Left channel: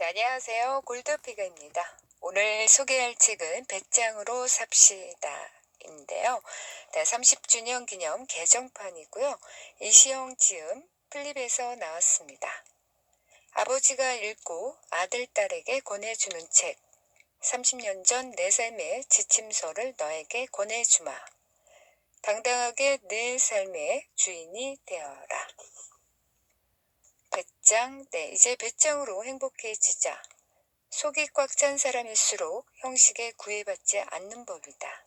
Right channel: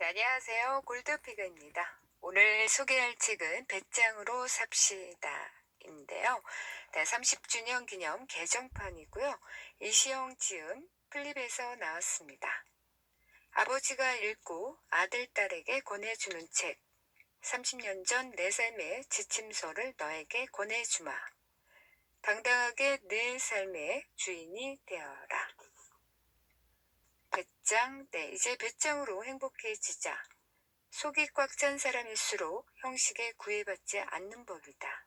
네, 안녕하세요. 골드피그입니다. 오늘 소개할 책은 배짱으로 삽시다인데요. 네, 30주년 기념 개정판이고요. 이시영 지음 플립에서 나왔습니다. 아버지가 읽고 아들, 딸에게 권해주는 책. 30년 전 내 삶의 지침서를 너에게 권해주마. 당당하게 내 삶의 주인이 되어라. 배짱, 네, 이제 배짱으로 행복해지자. 속이 꽉 찬 사람일수록 형식에 구애받지 않는 법이다.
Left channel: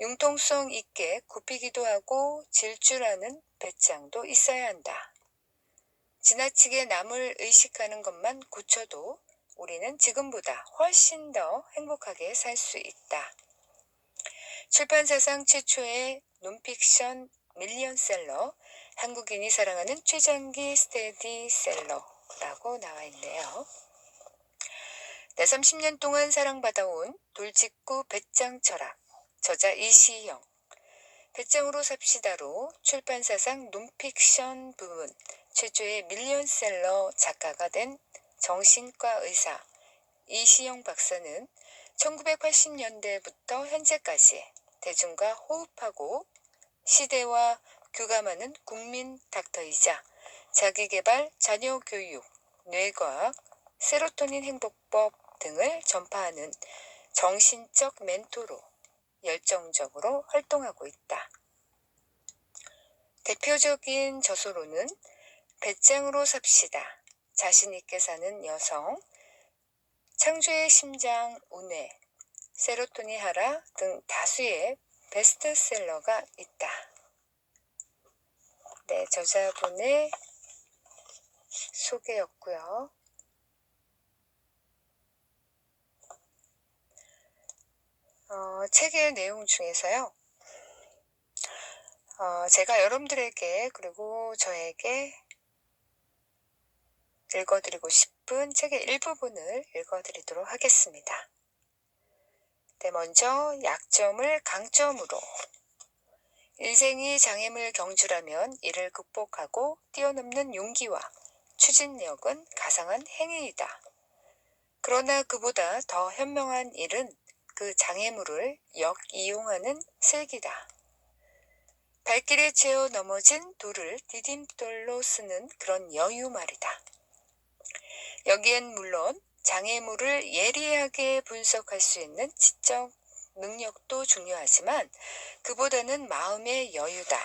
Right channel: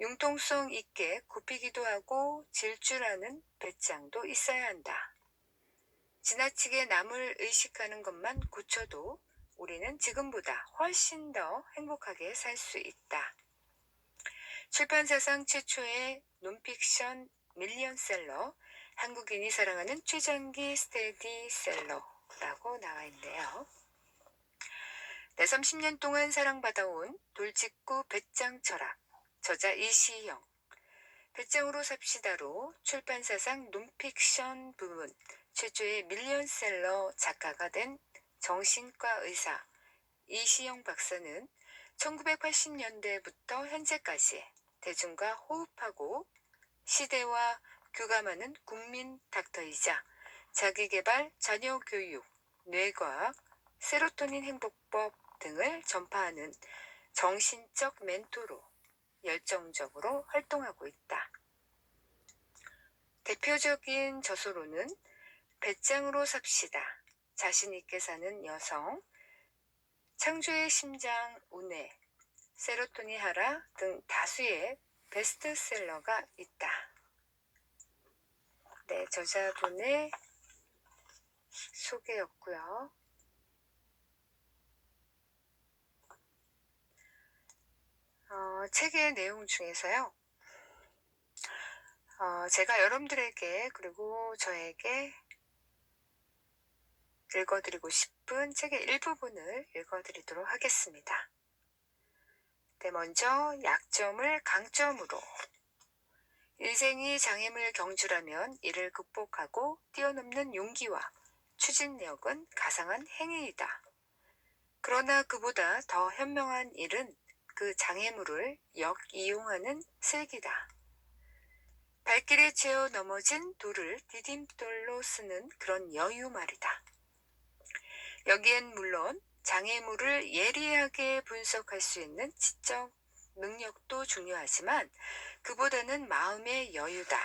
융통성 있게 굽히기도 하고 질 줄 아는 배짱도 있어야 한다. 지나치게 남을 의식하는 것만 고쳐도 우리는 지금보다 훨씬 더 행복하게 살 수 있다. 출판사상 최초의 논픽션 밀리언셀러, 한국인이 사랑하는 최장기 스테디셀러라고 나와 있네요. 네, 30년 동안 사랑받아온 돌직구 배짱 철학, 저자 이시영. 배짱으로 삽시다로 출판사상 논픽션 부문 최초의 밀리언셀러 작가가 된 정신과 의사 이시영 박사는 1980년대부터 현재까지 대중과 호흡하고 시대와 교감하는 국민 닥터이자 자기계발, 자녀교육, 뇌과학, 세로토닌 행복법 등을 전파하는 정신적 멘토로 열정적으로 활동하고 있다. 대표적인 저서로는 배짱으로 삽시다, 자신있게 사는 여성, 창조의 심장 운해, 세로토닌 하라 등 다수의 베스트셀러가 있다. 네, 저자분의 소개였고요. 책의 내용 중에서요. 제가 여러분들에게 그리고 저에게 읽어드리고 싶은 책의 일부분을 읽어드리도록 하겠습니다. 네, 먼저 약점을 강점으로. 인생이 장애물 경주라면 이를 극복하고 뛰어넘는 용기와 추진력은 가상한 행위이다. 그러나 그보다 더 현명한 일은 그 장애물을 역이용하는 슬기다. 발길에 채워 넘어진 돌을 디딤돌로 쓰는 그런 여유 말이다. 여기엔 물론 장애물을 예리하게 분석할 수 있는 지적 능력도 중요하지만 그보다는 마음의 여유다.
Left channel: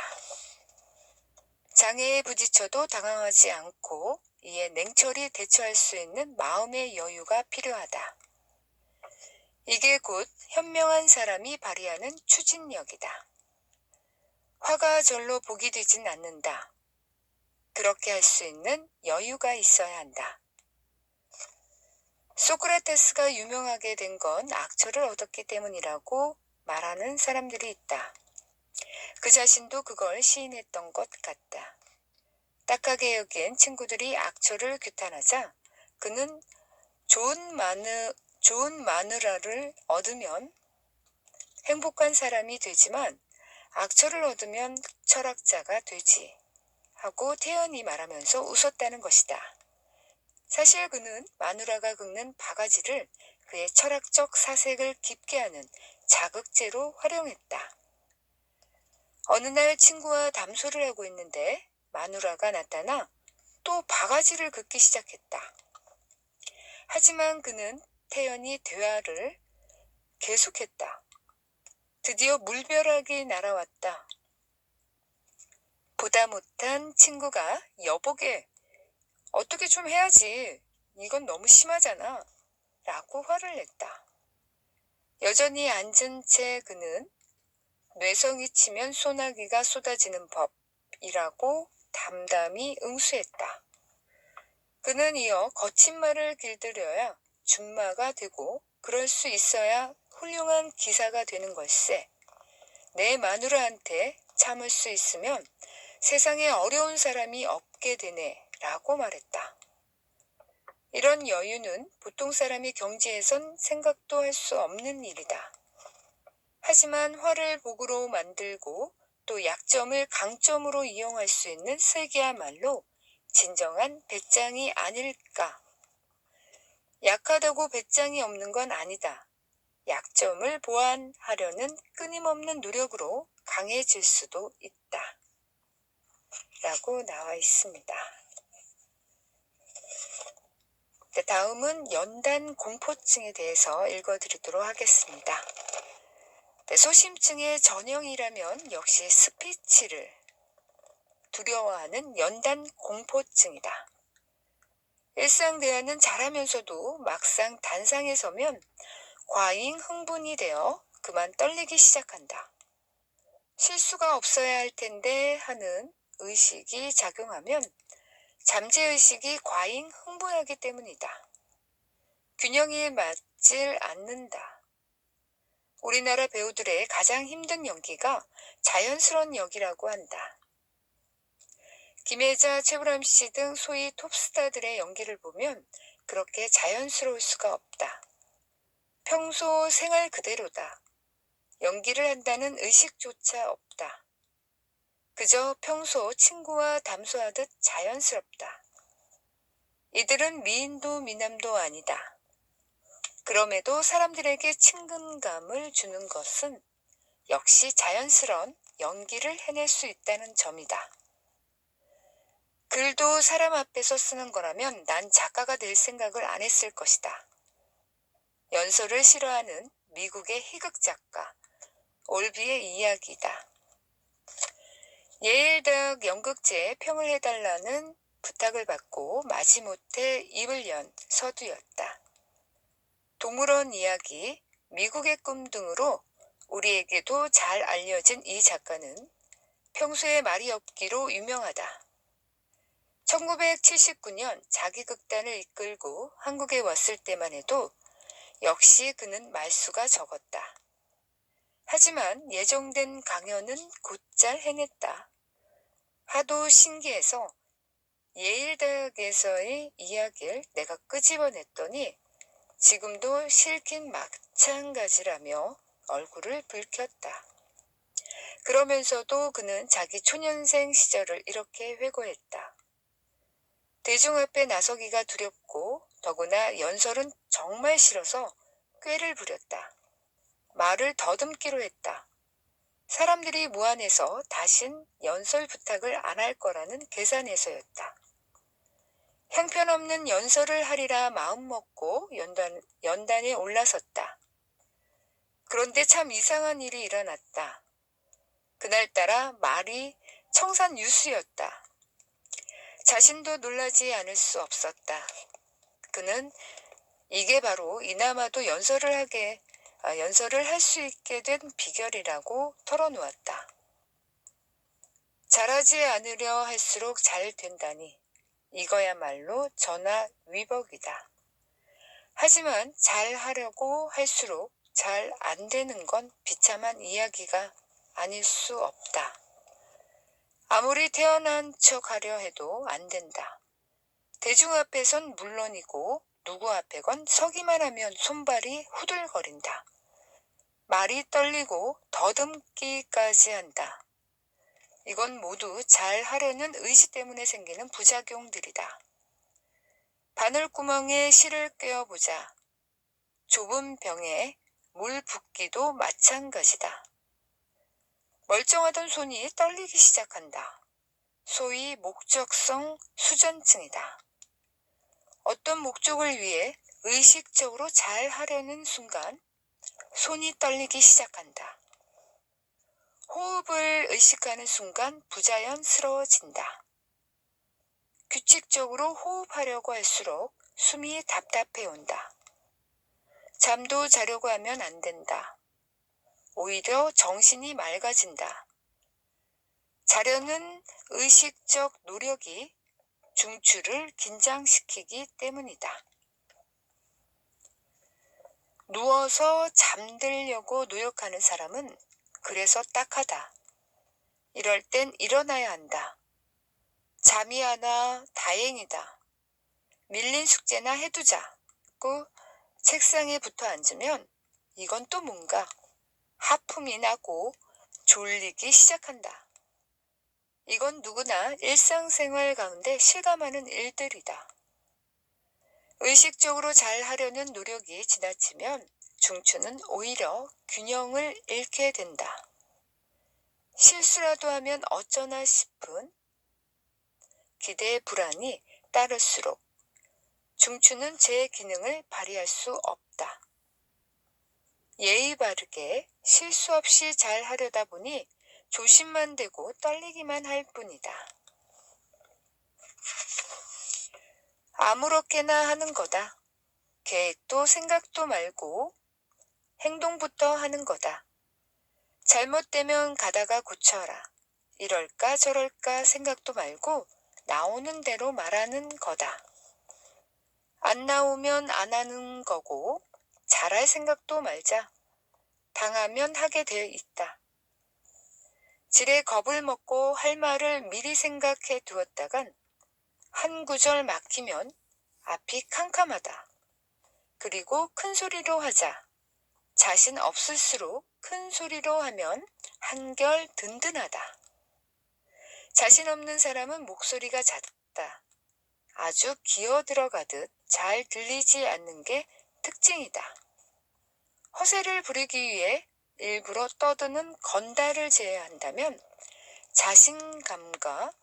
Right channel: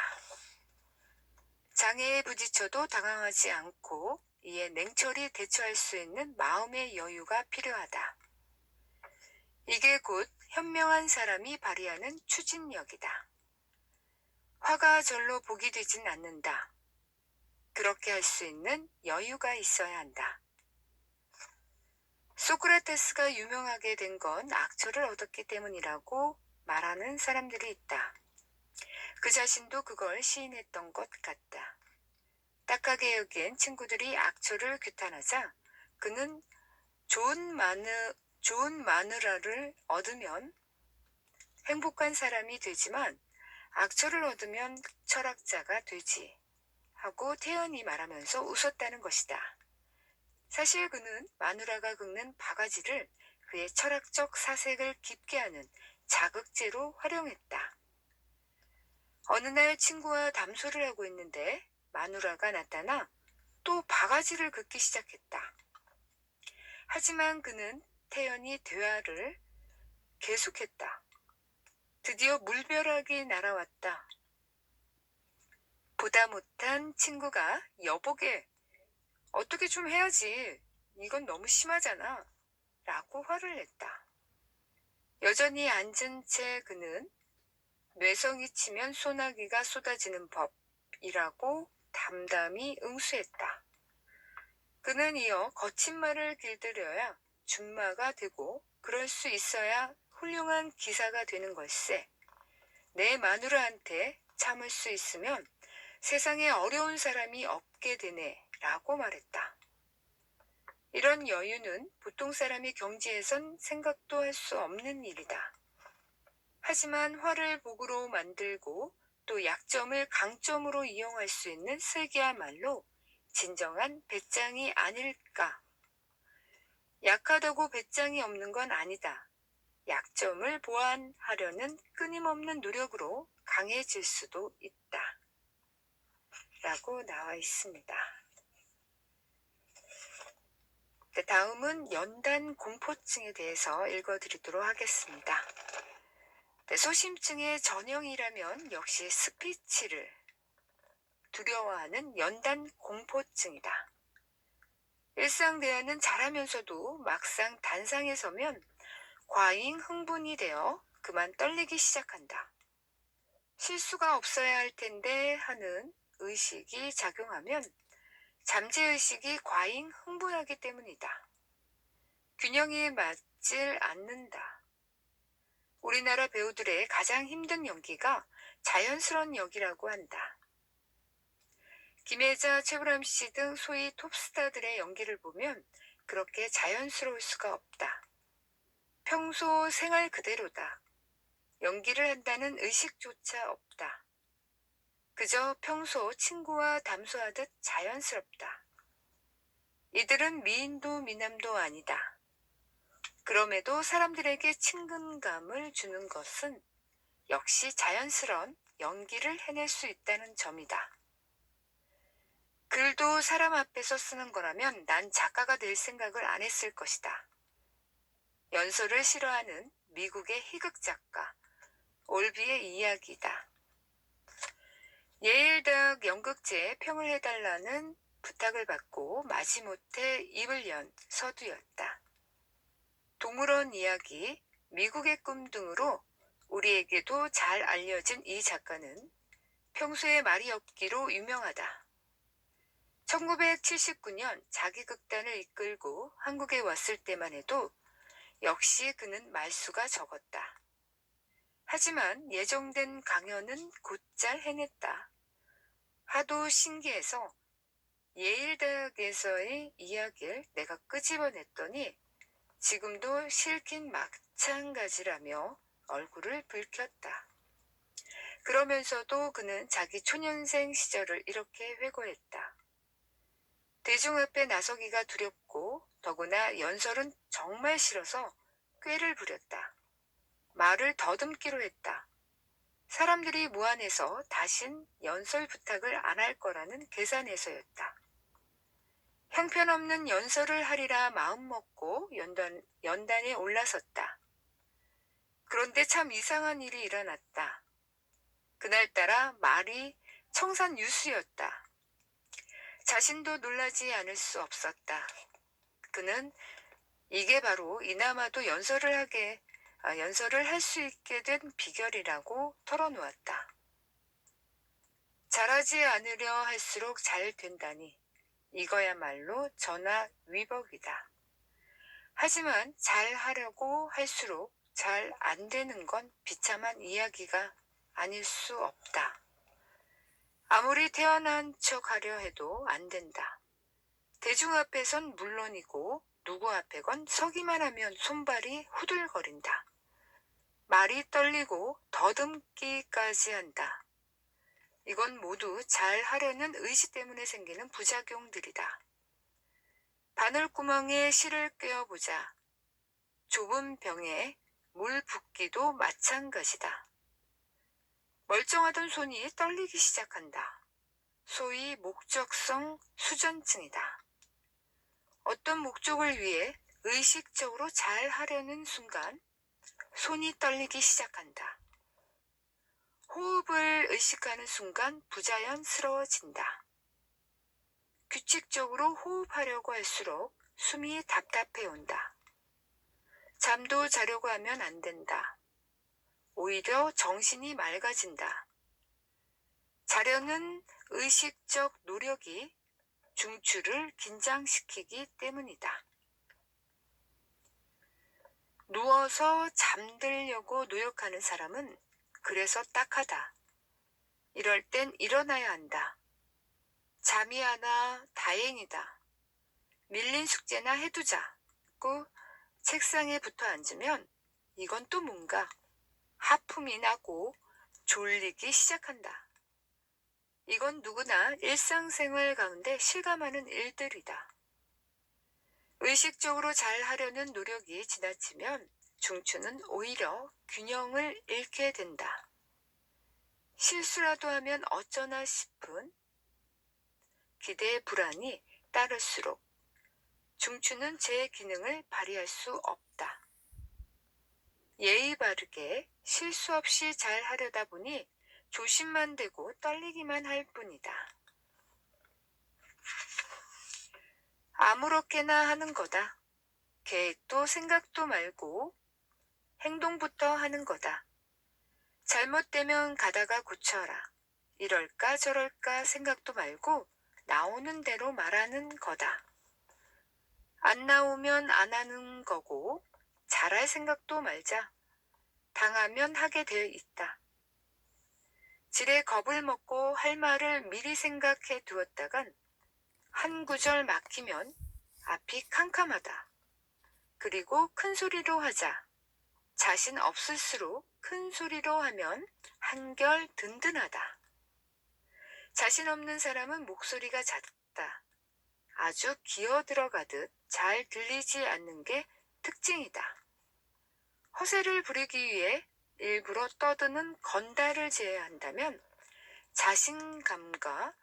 장애에 부딪혀도 당황하지 않고 이에 냉철히 대처할 수 있는 마음의 여유가 필요하다. 이게 곧 현명한 사람이 발휘하는 추진력이다. 화가 절로 복이 되진 않는다. 그렇게 할 수 있는 여유가 있어야 한다. 소크라테스가 유명하게 된 건 악처를 얻었기 때문이라고 말하는 사람들이 있다. 그 자신도 그걸 시인했던 것 같다. 딱하게 여긴 친구들이 악처를 규탄하자 그는 좋은 마누라를 얻으면 행복한 사람이 되지만 악처를 얻으면 철학자가 되지 하고 태연히 말하면서 웃었다는 것이다. 사실 그는 마누라가 긁는 바가지를 그의 철학적 사색을 깊게 하는 자극제로 활용했다. 어느 날 친구와 담소를 하고 있는데 마누라가 나타나 또 바가지를 긁기 시작했다. 하지만 그는 태연히 대화를 계속했다. 드디어 물벼락이 날아왔다. 보다 못한 친구가 여보게 어떻게 좀 해야지. 이건 너무 심하잖아. 라고 화를 냈다. 여전히 앉은 채 그는 뇌성이 치면 소나기가 쏟아지는 법이라고 담담히 응수했다. 그는 이어 거친 말을 길들여야 준마가 되고 그럴 수 있어야 훌륭한 기사가 되는 걸세. 내 마누라한테 참을 수 있으면 세상에 어려운 사람이 없게 되네 라고 말했다. 이런 여유는 보통 사람이 경지에선 생각도 할 수 없는 일이다. 하지만 화를 복으로 만들고 또 약점을 강점으로 이용할 수 있는 슬기야말로 진정한 배짱이 아닐까. 약하다고 배짱이 없는 건 아니다. 약점을 보완하려는 끊임없는 노력으로 강해질 수도 있다. 라고 나와 있습니다. 네, 다음은 연단 공포증에 대해서 읽어드리도록 하겠습니다. 네, 소심증의 전형이라면 역시 스피치를 두려워하는 연단 공포증이다. 일상 대화는 잘하면서도 막상 단상에 서면 과잉 흥분이 되어 그만 떨리기 시작한다. 실수가 없어야 할 텐데 하는 의식이 작용하면 잠재의식이 과잉 흥분하기 때문이다. 균형이 맞질 않는다. 우리나라 배우들의 가장 힘든 연기가 자연스러운 역이라고 한다. 김혜자, 최불암 씨 등 소위 톱스타들의 연기를 보면 그렇게 자연스러울 수가 없다. 평소 생활 그대로다. 연기를 한다는 의식조차 없다. 그저 평소 친구와 담소하듯 자연스럽다. 이들은 미인도 미남도 아니다. 그럼에도 사람들에게 친근감을 주는 것은 역시 자연스러운 연기를 해낼 수 있다는 점이다. 글도 사람 앞에서 쓰는 거라면 난 작가가 될 생각을 안 했을 것이다. 연설을 싫어하는 미국의 희극 작가 올비의 이야기다. 예일대학 연극제에 평을 해달라는 부탁을 받고 마지못해 입을 연 서두였다. 동물원 이야기, 미국의 꿈 등으로 우리에게도 잘 알려진 이 작가는 평소에 말이 없기로 유명하다. 1979년 자기 극단을 이끌고 한국에 왔을 때만 해도 역시 그는 말수가 적었다. 하지만 예정된 강연은 곧잘 해냈다. 하도 신기해서 예일대학에서의 이야기를 내가 끄집어냈더니 지금도 싫긴 마찬가지라며 얼굴을 붉혔다. 그러면서도 그는 자기 초년생 시절을 이렇게 회고했다. 대중 앞에 나서기가 두렵고 더구나 연설은 정말 싫어서 꾀를 부렸다. 말을 더듬기로 했다. 사람들이 무안해서 다신 연설 부탁을 안 할 거라는 계산에서였다. 형편없는 연설을 하리라 마음먹고 연단에 올라섰다. 그런데 참 이상한 일이 일어났다. 그날따라 말이 청산유수였다. 자신도 놀라지 않을 수 없었다. 그는 이게 바로 이나마도 연설을 할 수 있게 된 비결이라고 털어놓았다. 잘하지 않으려 할수록 잘 된다니 이거야말로 전화위복이다. 하지만 잘하려고 할수록 잘 안 되는 건 비참한 이야기가 아닐 수 없다. 아무리 태어난 척 하려 해도 안 된다. 대중 앞에선 물론이고 누구 앞에건 서기만 하면 손발이 후들거린다. 말이 떨리고 더듬기까지 한다. 이건 모두 잘 하려는 의지 때문에 생기는 부작용들이다. 바늘구멍에 실을 꿰어보자. 좁은 병에 물 붓기도 마찬가지다. 멀쩡하던 손이 떨리기 시작한다. 소위 목적성 수전증이다. 어떤 목적을 위해 의식적으로 잘 하려는 순간 손이 떨리기 시작한다. 호흡을 의식하는 순간 부자연스러워진다. 규칙적으로 호흡하려고 할수록 숨이 답답해 온다. 잠도 자려고 하면 안 된다. 오히려 정신이 맑아진다. 자려는 의식적 노력이 중추를 긴장시키기 때문이다. 누워서 잠들려고 노력하는 사람은 그래서 딱하다. 이럴 땐 일어나야 한다. 잠이 안 와 다행이다. 밀린 숙제나 해두자고 책상에 붙어 앉으면 이건 또 뭔가 하품이 나고 졸리기 시작한다. 이건 누구나 일상생활 가운데 실감하는 일들이다. 의식적으로 잘 하려는 노력이 지나치면 중추는 오히려 균형을 잃게 된다. 실수라도 하면 어쩌나 싶은 기대의 불안이 따를수록 중추는 제 기능을 발휘할 수 없다. 예의 바르게 실수 없이 잘 하려다 보니 조심만 되고 떨리기만 할 뿐이다. 아무렇게나 하는 거다. 계획도 생각도 말고 행동부터 하는 거다. 잘못되면 가다가 고쳐라. 이럴까 저럴까 생각도 말고 나오는 대로 말하는 거다. 안 나오면 안 하는 거고 잘할 생각도 말자. 당하면 하게 되어 있다. 지레 겁을 먹고 할 말을 미리 생각해 두었다간 한 구절 막히면 앞이 캄캄하다. 그리고 큰 소리로 하자. 자신 없을수록 큰 소리로 하면 한결 든든하다. 자신 없는 사람은 목소리가 작다. 아주 기어 들어가듯 잘 들리지 않는 게 특징이다. 허세를 부리기 위해 일부러 떠드는 건달을 제외한다면 자신감과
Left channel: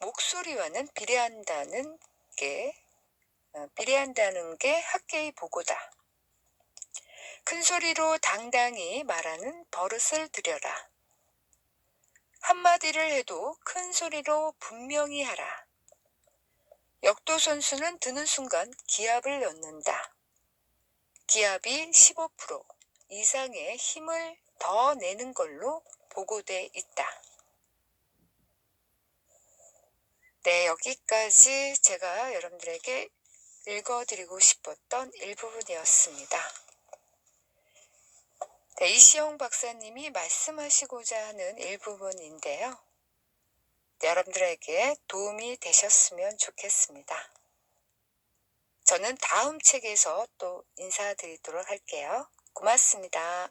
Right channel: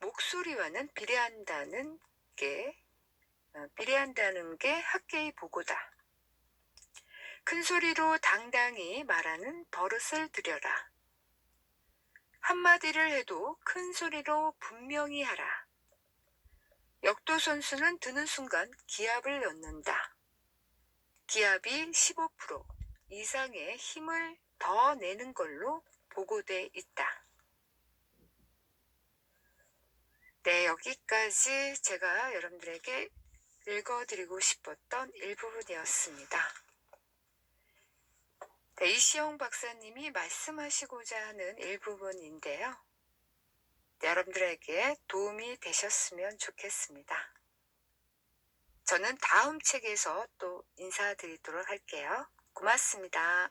목소리와는 비례한다는 게 학계의 보고다. 큰 소리로 당당히 말하는 버릇을 들여라. 한마디를 해도 큰 소리로 분명히 하라. 역도 선수는 드는 순간 기압을 넣는다. 기압이 15% 이상의 힘을 더 내는 걸로 보고돼 있다. 네, 여기까지 제가 여러분들에게 읽어드리고 싶었던 일부분이었습니다. 네, 이시영 박사님이 말씀하시고자 하는 일부분인데요. 네, 여러분들에게 도움이 되셨으면 좋겠습니다. 저는 다음 책에서 또 인사드리도록 할게요. 고맙습니다.